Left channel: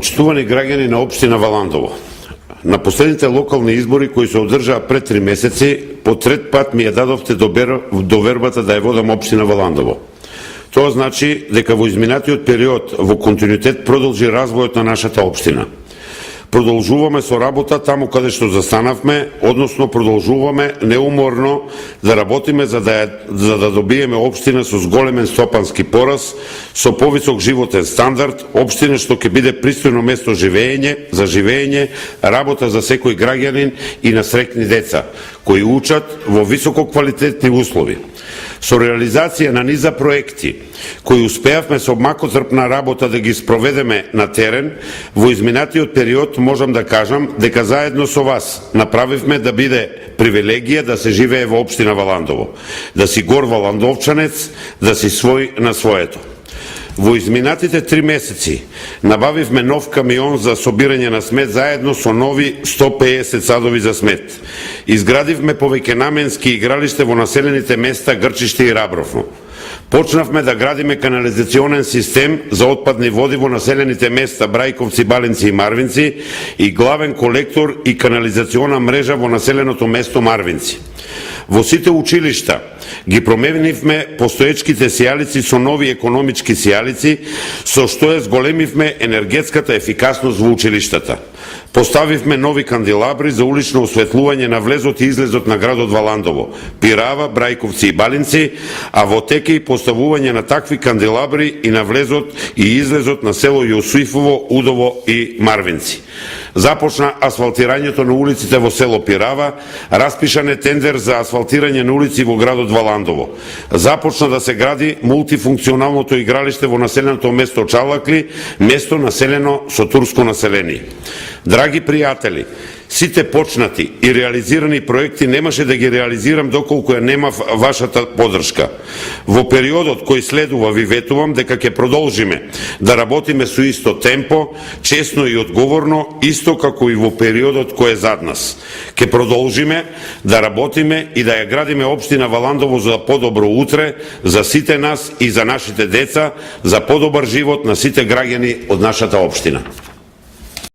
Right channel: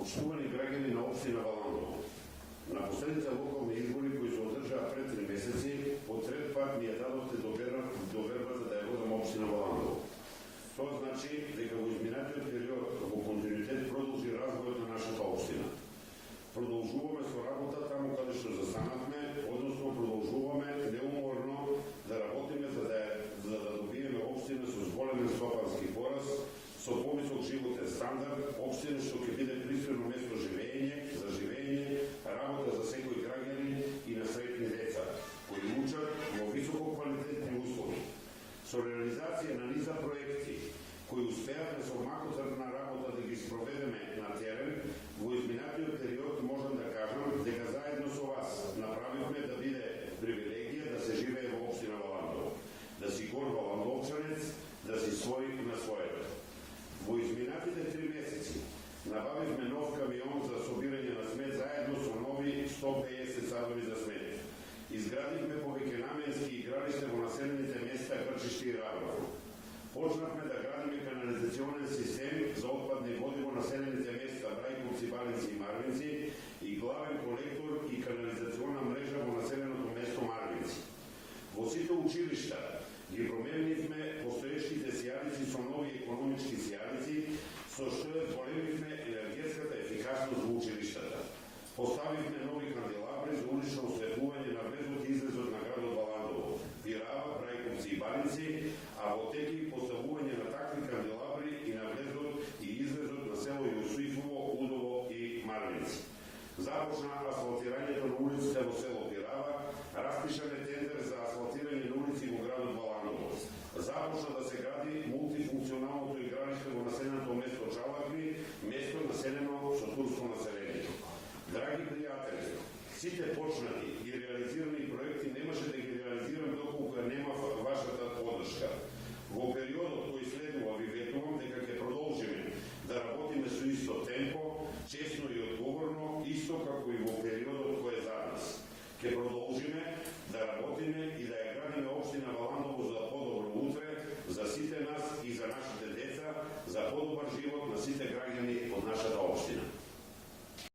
Почитувани граѓани на општина Валандово, на последните локални избори кои се одржаа пред 3 месеци, по трет пат ми ја дадовте довербата да ја водам општина Валандово. Тоа значи дека во изминатиот период во континуитет продолжи развојот на нашата општина. Продолжуваме со работа таму каде што застанавме, односно продолжуваме неуморно да работиме за да добиеме општина со зголемен стопански пораз, со повисок животен стандард, општина што ќе биде пристојно место за живење, работа за секој граѓанин и на среќни деца, кои учат во високо квалитетни услови. Со реализација на низа проекти, кои успеавме со макотрпна работа да ги спроведеме на терен, во изминатиот период можам да кажам дека заедно со вас направивме да биде привилегија да се живее во општина Валандово, да си гор валандовчанец, да си свој на своето. Во изминатите 3 месеци набавивме нов камион за собирање на смет заедно со нови 150 садови за смет. Изградивме повеќе наменски игралиште во населените места Грчиште и Рабровно. Почнавме да градиме канализационен систем за отпадни води во населените места Брајковци, Балинци и Марвинци и главен колектор и канализациона мрежа во населеното место Марвинци. Во сите училишта ги променивме постоечките сијалици со нови економички сијалици, со што ја зголемивме енергетската ефикасност во училиштата. Поставивме нови канделабри за улично осветлување на влезот и излезот на градот Валандово, Пирава, Брајковци и Балинци, а во теке и поставување на такви канделабри и на влезот и излезот на село Јосифово, Удово и Марвинци. Започна асфалтирањето на улиците во село Пирава, распишан е тендер за асфалтирање на улици во градот Валандово. Започна да се гради мултифункционалното игралиште во населеното место Чалакли, место населено со турско население. Драги пријатели, сите почнати и реализирани проекти немаше да ги реализирам доколку ја немав вашата поддршка. Во периодот кој следува ви ветувам дека ќе продолжиме да работиме со исто темпо, честно и одговорно, исто како и во периодот кој е зад нас. Ќе продолжиме да работиме и да ја градиме општина Валандово за подобро утре, за сите нас и за нашите деца, за подобар живот на сите граѓани од нашата општина.